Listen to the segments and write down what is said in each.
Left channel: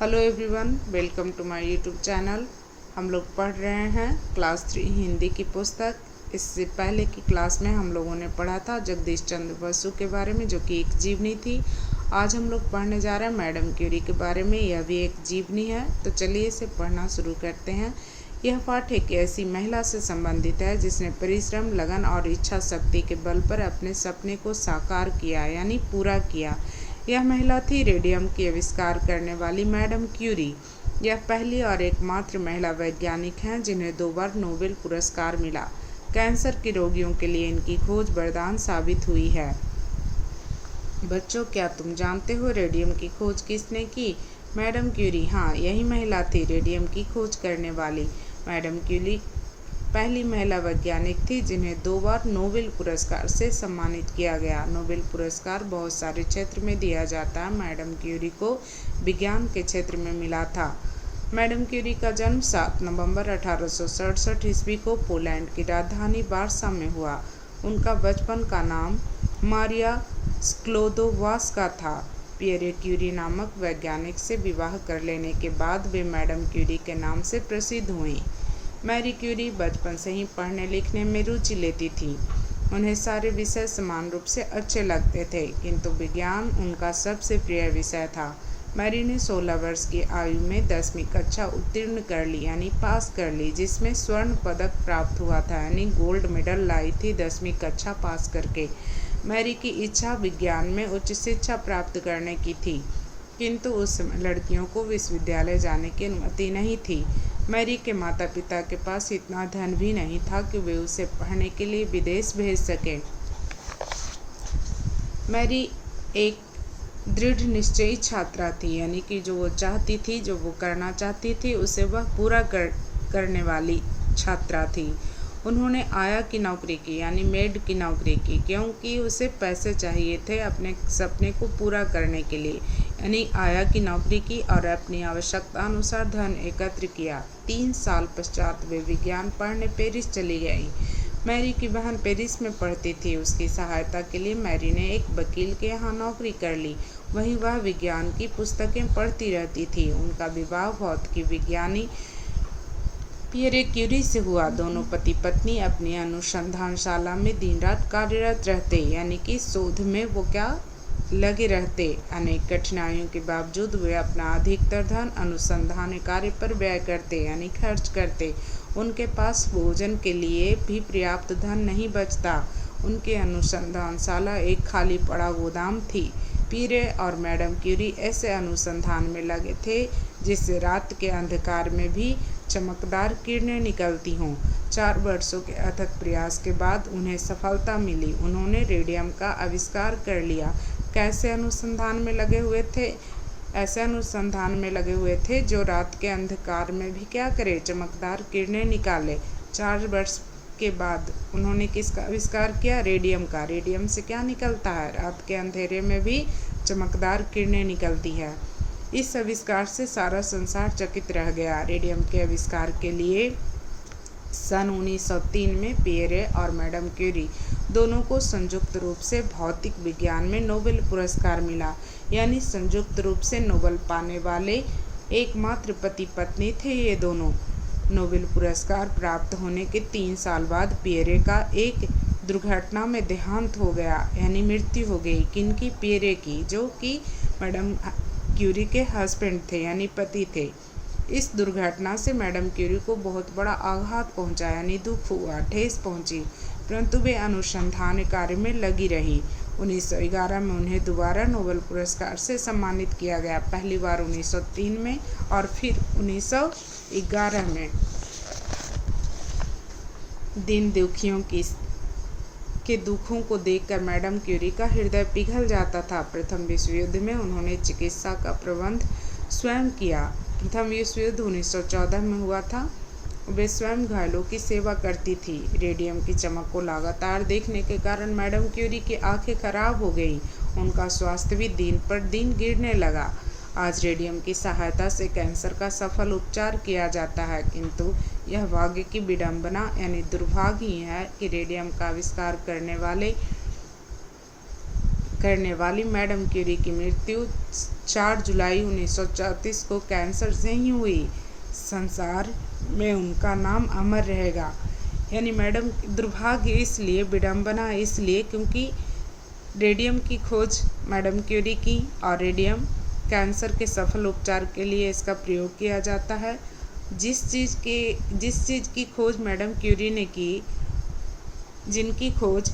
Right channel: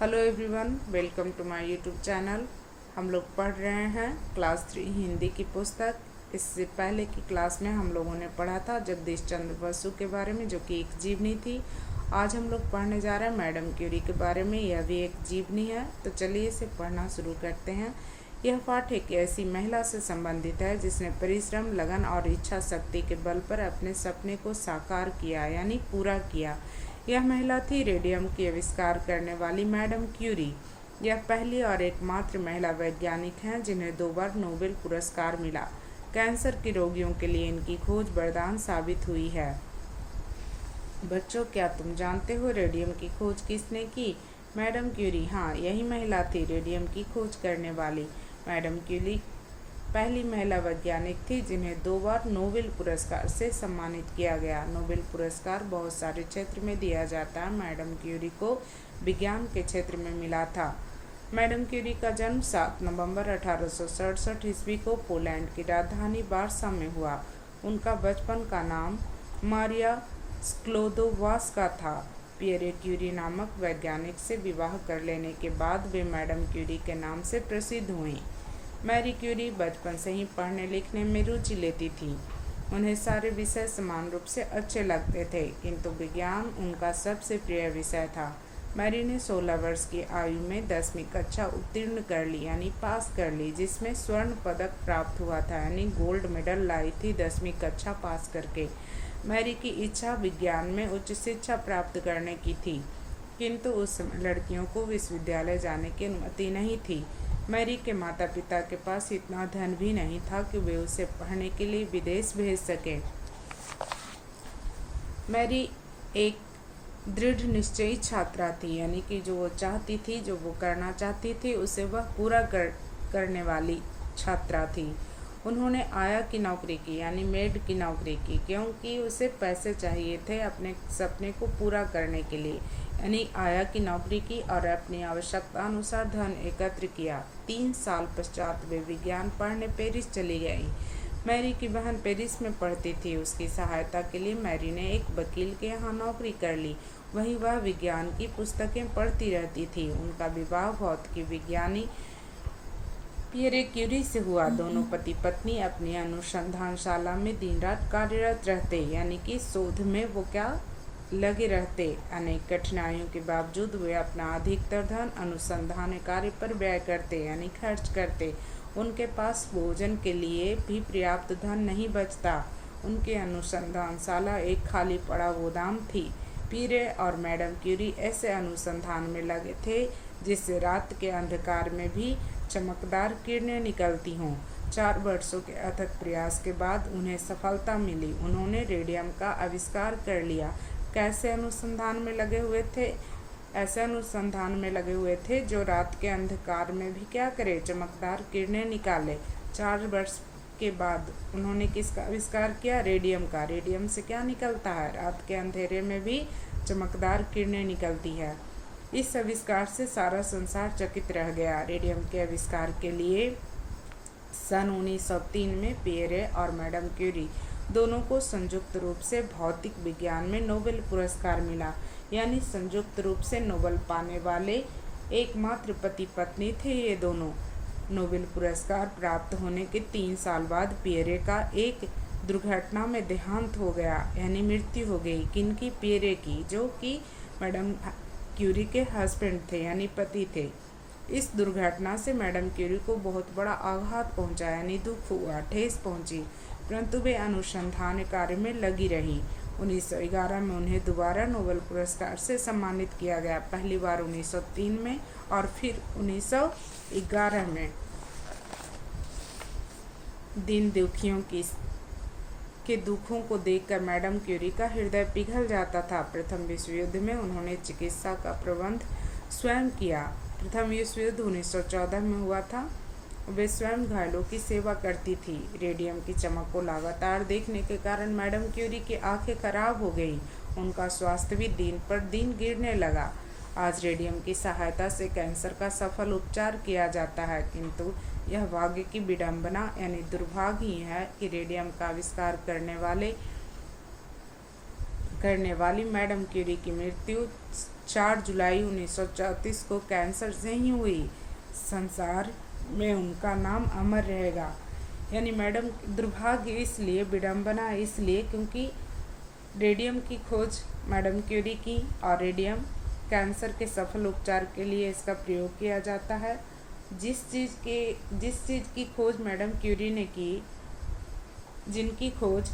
Hello everyone, welcome to my YouTube channel. हम लोग पढ़ रहे हैं क्लास 3 हिंदी की पुस्तक। इससे पहले की क्लास में हम लोगों ने पढ़ा था जगदीश चंद्र बसु के बारे में, जो कि एक जीवनी थी। आज हम लोग पढ़ने जा रहे हैं मैडम क्यूरी के बारे में। यह भी एक जीवनी है, तो चलिए इसे पढ़ना शुरू करते हैं। यह पाठ एक ऐसी महिला से संबंधित है जिसने परिश्रम, लगन और इच्छा शक्ति के बल पर अपने सपने को साकार किया, यानी पूरा किया। यह महिला थी रेडियम की आविष्कार करने वाली मैडम क्यूरी। यह पहली और एकमात्र महिला वैज्ञानिक हैं जिन्हें 2 बार नोबेल पुरस्कार मिला। कैंसर के रोगियों के लिए इनकी खोज वरदान साबित हुई है। बच्चों, क्या तुम जानते हो रेडियम की खोज किसने की? Madam Curie. हाँ, यही महिला थी रेडियम की खोज करने वाली। मैडम क्यूरी पहली महिला वैज्ञानिक थी जिन्हें 2 बार नोबेल पुरस्कार से सम्मानित किया गया। नोबेल पुरस्कार बहुत सारे क्षेत्र में दिया जाता है। मैडम क्यूरी को विज्ञान के क्षेत्र में मिला था। मैडम क्यूरी का जन्म 7 नवंबर 1867 ईस्वी को पोलैंड की राजधानी वार्सा में हुआ। उनका बचपन का नाम मारिया स्क्लोदोवास्का था। पियरे क्यूरी नामक वैज्ञानिक से विवाह कर लेने के बाद वे मैडम क्यूरी के नाम से प्रसिद्ध हुईं। मैरी क्यूरी बचपन से ही पढ़ने लिखने में रुचि लेती थी। उन्हें सारे विषय समान रूप से अच्छे लगते थे, किंतु विज्ञान उनका सबसे प्रिय विषय था। मैरी ने 16 वर्ष की आयु में 10वीं कक्षा उत्तीर्ण कर ली, यानी पास कर ली, जिसमें स्वर्ण पदक प्राप्त हुआ था, यानी गोल्ड मेडल लाई थी 10वीं कक्षा पास करके। मैरी की इच्छा विज्ञान में उच्च शिक्षा प्राप्त करने की थी, किंतु उस समय लड़कियों को विश्वविद्यालय जाने की अनुमति नहीं थी। मैरी के माता पिता के पास इतना धन भी नहीं था कि वे उसे पढ़ने के लिए विदेश भेज सके। मैरी एक दृढ़ निश्चयी छात्रा थी, यानी कि जो वो चाहती थी, जो वो करना चाहती थी, उसे वह पूरा करने वाली छात्रा थी। उन्होंने आया की नौकरी की, यानी मेड की नौकरी की, क्योंकि उसे पैसे चाहिए थे अपने सपने को पूरा करने के लिए। यानी आया की नौकरी की और अपनी आवश्यकता अनुसार धन एकत्र किया। 3 साल पश्चात वे विज्ञान पढ़ने पेरिस चली गई। मैरी की बहन पेरिस में पढ़ती थी। उसकी सहायता के लिए मैरी ने एक वकील के यहाँ नौकरी कर ली। वहीं वह विज्ञान की पुस्तकें पढ़ती रहती थी। उनका विवाह भौतिकी विज्ञानी पियरे क्यूरी से हुआ। दोनों पति पत्नी अपनी अनुसंधानशाला में दिन रात कार्यरत रहते, यानी कि शोध में वो लगे रहते। अनेक कठिनाइयों के बावजूद वे अपना अधिकतर धन अनुसंधान कार्य पर व्यय करते, यानी खर्च करते। उनके पास भोजन के लिए भी पर्याप्त धन नहीं बचता। उनकी अनुसंधानशाला एक खाली पड़ा गोदाम थी। पियरे और मैडम क्यूरी ऐसे अनुसंधान में लगे थे जिससे रात के अंधकार में भी चमकदार किरणें निकलती हों। 4 वर्षों के अथक प्रयास के बाद उन्हें सफलता मिली। उन्होंने रेडियम का आविष्कार कर लिया। कैसे अनुसंधान में लगे हुए थे? ऐसे अनुसंधान में लगे हुए थे जो रात के अंधकार में भी क्या करे, चमकदार किरणें निकाले। 4 वर्ष के बाद उन्होंने किसका आविष्कार किया? रेडियम का। रेडियम से क्या निकलता है? रात के अंधेरे में भी चमकदार किरणें निकलती है। इस आविष्कार से सारा संसार चकित रह गया। रेडियम के आविष्कार के लिए सन 1903 में पियरे और मैडम क्यूरी दोनों को संयुक्त रूप से भौतिक विज्ञान में नोबेल पुरस्कार मिला, यानी संयुक्त रूप से नोबेल पाने वाले एकमात्र पति पत्नी थे ये दोनों। नोबेल पुरस्कार प्राप्त होने के 3 साल बाद पियरे का एक दुर्घटना में देहांत हो गया, यानी मृत्यु हो गई। किनकी? पियरे की, जो कि मैडम क्यूरी के हस्बैंड थे, यानी पति थे। इस दुर्घटना से मैडम क्यूरी को बहुत बड़ा आघात पहुंचा, यानी दुख हुआ, ठेस पहुंची, परंतु वे अनुसंधान कार्य में लगी रही। 1911 में उन्हें दोबारा नोबेल पुरस्कार से सम्मानित किया गया। पहली बार 1903 में और फिर 1911 में। दीन दुखियों के दुखों को देखकर मैडम क्यूरी का हृदय पिघल जाता था। प्रथम विश्व युद्ध में उन्होंने चिकित्सा का प्रबंध स्वयं किया। प्रथम विश्व युद्ध 1914 में हुआ था। वे स्वयं घायलों की सेवा करती थी। रेडियम की चमक को लगातार देखने के कारण मैडम क्यूरी की आंखें खराब हो गईं। उनका स्वास्थ्य भी दिन पर दिन गिरने लगा। आज रेडियम की सहायता से कैंसर का सफल उपचार किया जाता है, किंतु यह भाग्य की विडंबना, यानी दुर्भाग्य ही है कि रेडियम का आविष्कार करने वाले करने वाली मैडम क्यूरी की मृत्यु 4 जुलाई 1934 को कैंसर से ही हुई। संसार में उनका नाम अमर रहेगा। यानी मैडम दुर्भाग्य इसलिए, विडंबना इसलिए क्योंकि रेडियम की खोज मैडम क्यूरी की और रेडियम कैंसर के सफल उपचार के लिए इसका प्रयोग किया जाता है। जिस चीज़ की खोज मैडम क्यूरी ने की, जिनकी खोज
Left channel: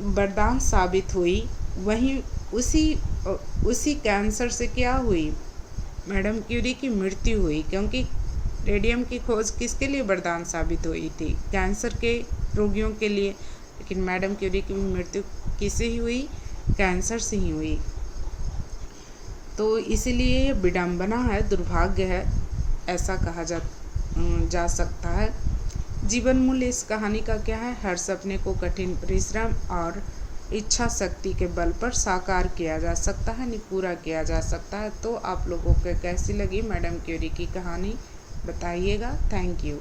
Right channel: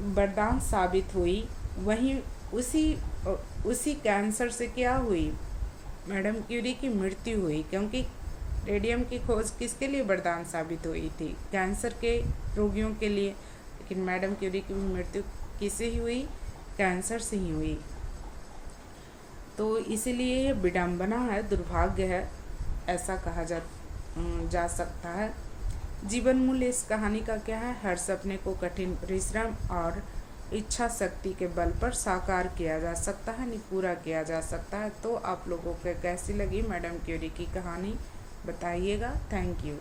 वरदान साबित हुई, वहीं उसी कैंसर से क्या हुई, मैडम क्यूरी की मृत्यु हुई। क्योंकि रेडियम की खोज किसके लिए वरदान साबित हुई थी? कैंसर के रोगियों के लिए। लेकिन मैडम क्यूरी की मृत्यु किससे ही हुई? कैंसर से ही हुई। तो इसीलिए ये विडंबना है, दुर्भाग्य है, ऐसा कहा जा सकता है। जीवन मूल्य इस कहानी का क्या है? हर सपने को कठिन परिश्रम और इच्छा शक्ति के बल पर साकार किया जा सकता है, पूरा किया जा सकता है। तो आप लोगों को कैसी लगी मैडम क्यूरी की कहानी बताइएगा। Thank you.